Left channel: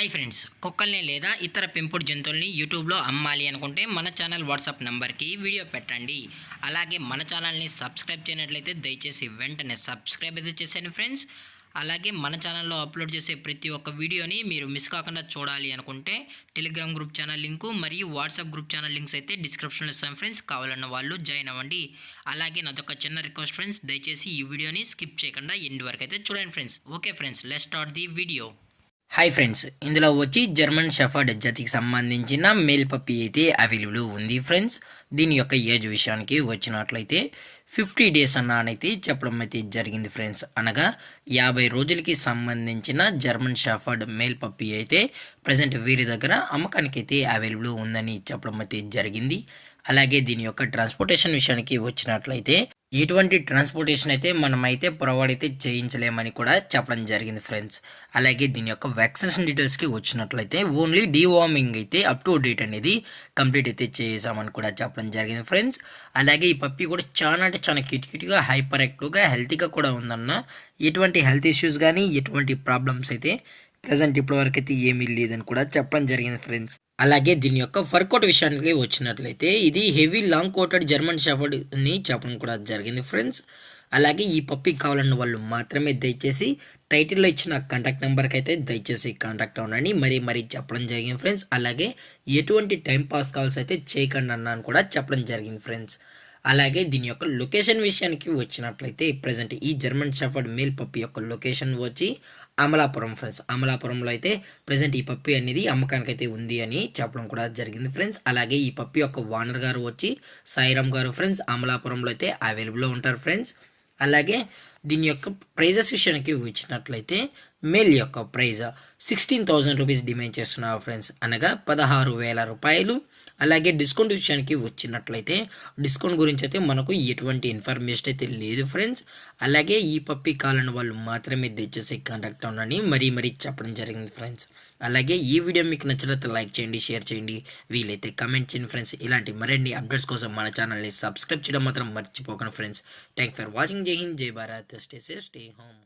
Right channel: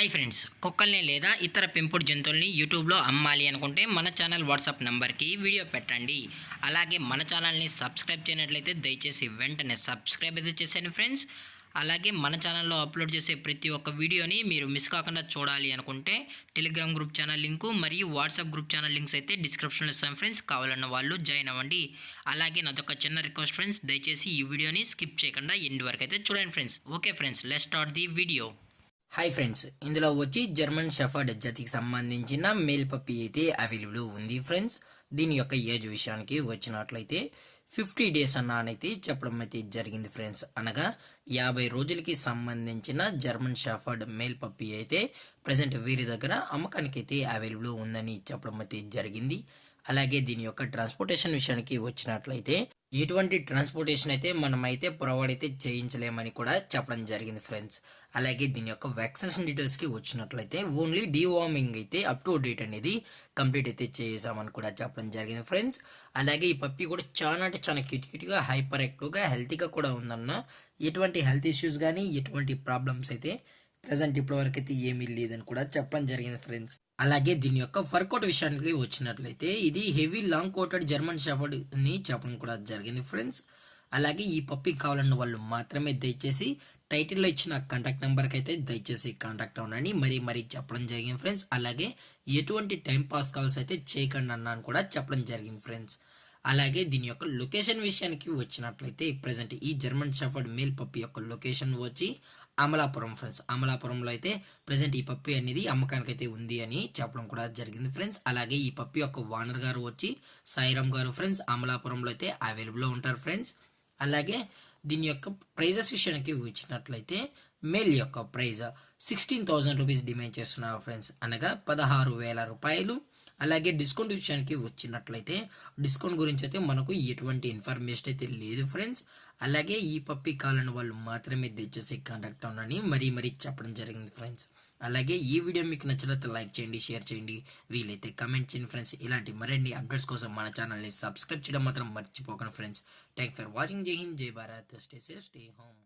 Hi friends, కుక్కల్ని లేదా ఇతర పెంపుడు జంతువుల్ని యూట్యూబ్లో అమ్మాలి అనుకుంటే మన ఛానల్ వాట్సాప్ నెంబర్కి వీడియో పెట్టండి. అలాగే మన ఛానల్ని సబ్స్క్రైబ్ చేయనట్లయితే దయచేసి వెంటనే సబ్స్క్రైబ్ అయితే చేసేయండి ఫ్రెండ్స్. అలాగే మన ఛానల్లో అప్లోడ్ చేసే ప్రతి ఒక్క వీడియోని మీరు మిస్ కాకుండా చూడాలి అనుకుంటే టెలిగ్రామ్ గ్రూప్ ఛానల్ లింకు మరియు వాట్సాప్ గ్రూప్ ఛానల్ లింక్స్ అయితే డిస్క్రిప్షన్లో ఇస్తాం ఫ్రెండ్స్. కావాలన్న వాళ్ళు జాయిన్ అవ్వండి. అలాగే నాదొక చిన్న రిక్వెస్ట్ ఫ్రెండ్స్, దయచేసి ఈ వీడియోని స్కిప్ చేయకుండా ఎండ్ వరకు అయితే చూడండి friends. Okay friends, let's start the video. Hi friends, ఇందులో వచ్చి జర్మన్ షెఫర్డ్ జాతికి సంబంధించిన మేల్ పప్పీ అయితే అవైలబుల్ ఉంది ఫ్రెండ్స్. దీని యొక్క ఏజ్ విషయానికి వచ్చినట్లయితే 50 డేస్ అన్నానైతే చెప్పడం అయితే జరిగింది ఫ్రెండ్స్. అనగా 50 రోజులకి సంబంధించిన జర్మన్ షెఫర్డ్ మేల్ పప్పీ అయితే ప్రజెంట్ వీరి దగ్గర అమ్మకానికి అయితే అవైలబుల్ ఉందని చెప్పడం అయితే జరిగింది. అలాగే దీని యొక్క ట్రాన్స్పోర్టేషన్ విషయానికి వచ్చినట్లయితే ఎటువంటి ట్రాన్స్పోర్టేషన్ అయితే మనమైతే ప్రొవైడ్ అయితే చేయించలేమని కూడా చెప్పడం జరిగింది ఫ్రెండ్స్. అలాగే దీని యొక్క వ్యాక్సినేషన్ డీటెయిల్స్కి వచ్చినట్లయితే ఓన్లీ డీవార్మింగ్ అయితే అప్ టు డేట్ అనేది కంప్లీట్ అయితే చేసామని కూడా చెప్పడం జరిగింది ఫ్రెండ్స్. అలాగే ఈ పప్పీ కూడా చాలా అంటే చాలా క్యూట్గా హైపర్ యాక్టివ్గా హెల్తీగా కూడా ఉందన్న. ఎటువంటి హెల్త్ ఇష్యూస్ కానీ ఎటువంటి ప్రాబ్లమ్స్ అయితే ప్రజెంట్ ఇప్పటివరకు అయితే ఏమీ లేదని కూడా చెప్పడం జరిగింది ఫ్రెండ్స్. అలాగే దీని యొక్క వర్కౌట్ విషయానికి వచ్చినట్లయితే ఇది హెవీ లాంగ్ కోటెడ్ జర్మన్ షెఫర్డ్ని చెప్పడం కూడా జరిగింది ఫ్రెండ్స్. అలాగే ఈ పప్పీ కావాలన్న వాళ్ళు మాత్రమే దయచేసి టైటిల్లో ఇచ్చిన కాంటాక్ట్ నెంబర్కి అయితే దయచేసి కాంటాక్ట్ అవ్వండి మరీ చెప్పడం జరిగింది ఫ్రెండ్స్. అలాగే ఎటువంటి టైం పాస్ కాల్స్ అయితే చేయకండి అన్నాను కూడా చెప్పడం జరిగింది ఫ్రెండ్స్. అలాగే దీని యొక్క లొకేషన్ విషయానికి వచ్చినట్లయితే ప్రజెంట్ ఈ జర్మన్ షెఫర్డ్ మేల్ పప్పీ యొక్క లొకేషన్ వచ్చి అమలాపురం ఫ్రెండ్స్. అమలాపురంలో అయితే ప్రజెంట్ ఈ పప్పి అనేది అమ్మకానికి అయితే ఉంది అని చెప్పడం కూడా జరిగింది ఫ్రెండ్స్. అలాగే ఈ పప్పి యొక్క ఓనర్ గారు వచ్చి సాయిరామ్ గారు ఫ్రెండ్స్. అమలాపురంలో అయితే అవైలబుల్లో ఉంటారు ఫ్రెండ్స్. అలాగే దీని యొక్క ప్రైజెస్ విషయానికి వచ్చినట్లయితే మేల్ యొక్క ప్రైజ్ 16,000 రూపీస్ డిమాండ్ చేస్తున్నారు ఫ్రెండ్స్. అనగా 16,000 రూపాయలు. అలాగే డిస్కౌంట్ విషయానికి వచ్చినట్లయితే డిస్కౌంట్ గురించి అయితే మనకు ఎటువంటి ఇన్ఫర్మేషన్ అయితే లేదు ఫ్రెండ్స్. అలాగే ఈ పప్పీ కావాలని వాళ్ళు మాత్రమే దయచేసి కాంటాక్ట్ అవ్వండి మరీ చెప్పడం జరిగింది ఫ్రెండ్స్. అలాగే ఈ వీడియో మీకు నచ్చినట్లయితే లైక్ చేయండి, షేర్ చేయండి, వీలైతే కామెంట్ చేయండి ఫ్రెండ్స్. ఇలాంటి మరిన్ని అప్డేట్స్ కోసం మన ఛానల్ని సబ్స్క్రైబ్ చేయడం మాత్రం మర్చిపోకండి ఫ్రెండ్స్. Thank for watching. జై హింద్, జై Bharat, stay safe, stay home.